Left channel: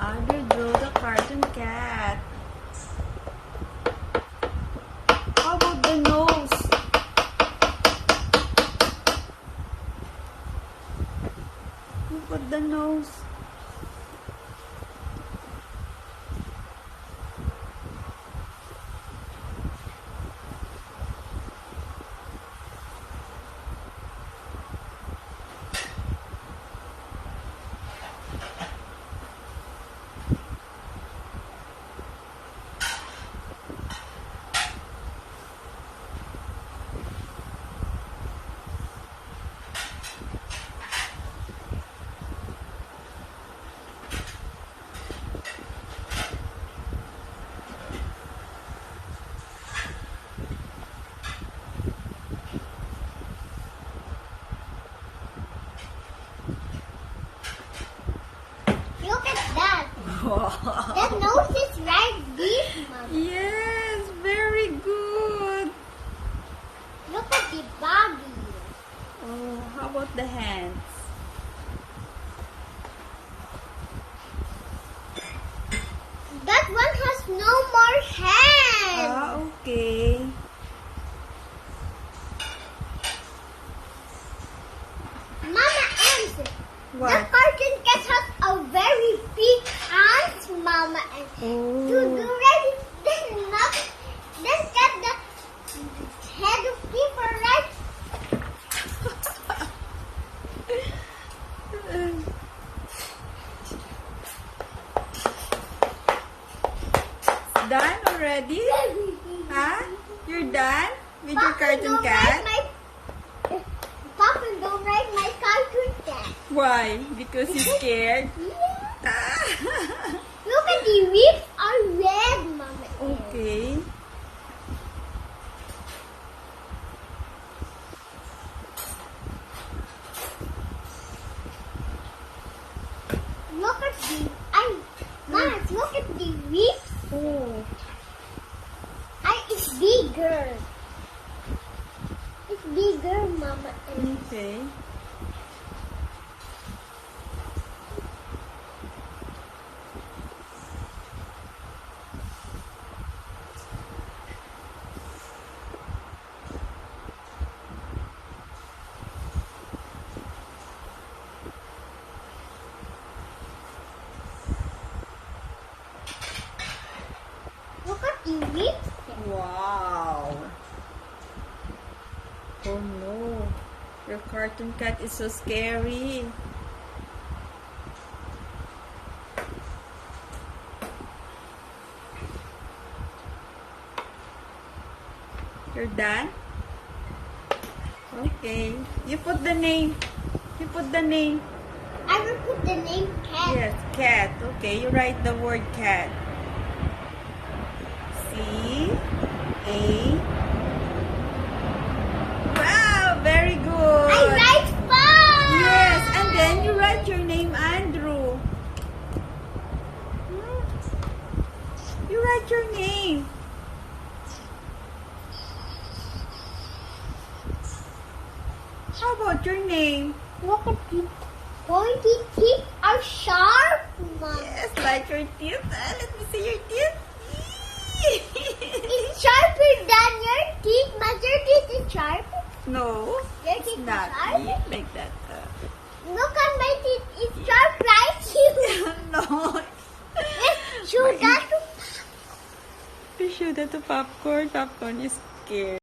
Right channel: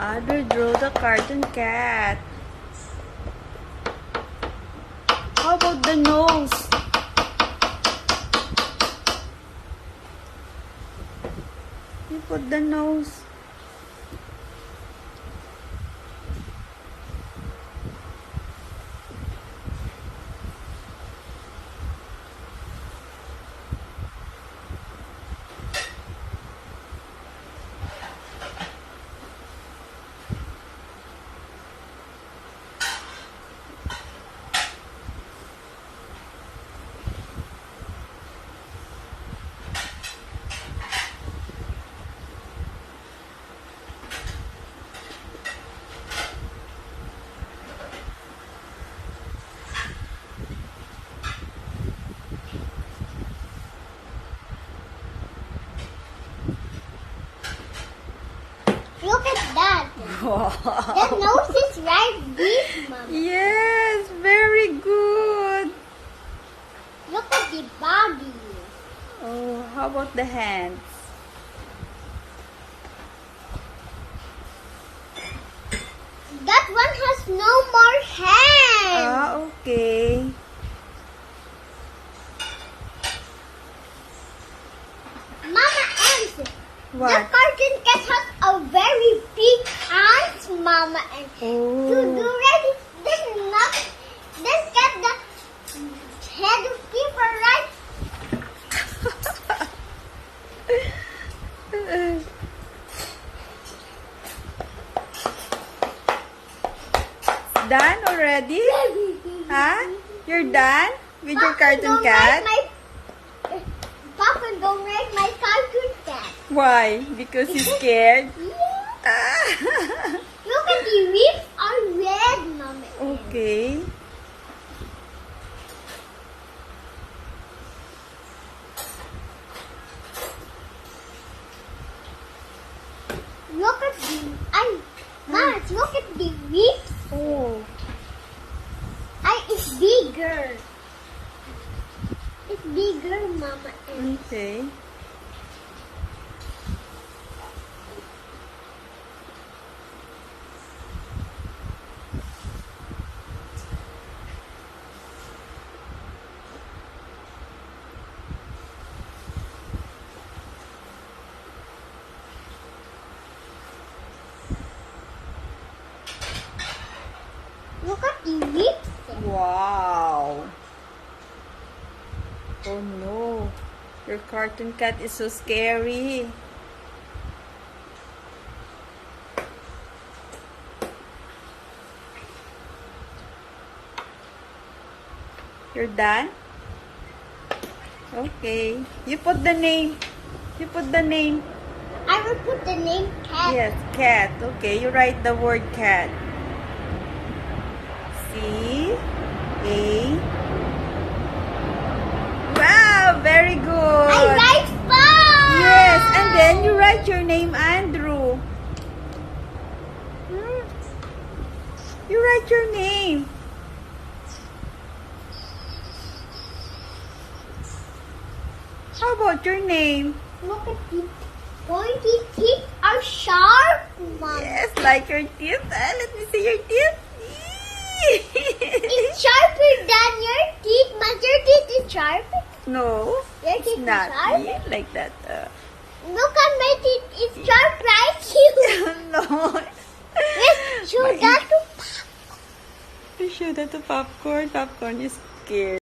Audrey drew the cartoon cat. How about the nose? You put the nose. Look at that. Wow. That nose is right deep, Mama. Yes, very good. Look at the body. Oh, how about the hands? That one has no more hands. Ah, okay. Mama Ems, What? that cartoon cat has a very big hands, Mama Ems. To do Oh. ready, then get the head of keeper right. Done already? Huh? You're done with your cartoon cat? Papa, don't ride my cartoon cat. Why? Because he's scared? Yeah. Look at the ribs are red, Mama. Okay. Look at the Mama, look at the ribs. Oh. It's bigger. It's bigger, Mama. Okay. Look at the ribs. Wow. Oh no. Your cartoon cat is so scary. You're done? Okay. You put the name. You put the name. I will put the name cat. Yes, cat. Okay, you write the word cat. C-A. Wow, very I good. like fun. Yes, and then you write your name, Andrew. Hmm? You write your name. How about your name? Look at the pointy teeth are sharp, Mama. Yes, like your teeth. Let me see your teeth. It's sharper than your teeth. But your teeth is sharper. No, Your it's teeth is not sharp. like that. Look at my teeth. It's sharp like you. No. Let's show My- that to To show that to popcorn. Popcorn is scared.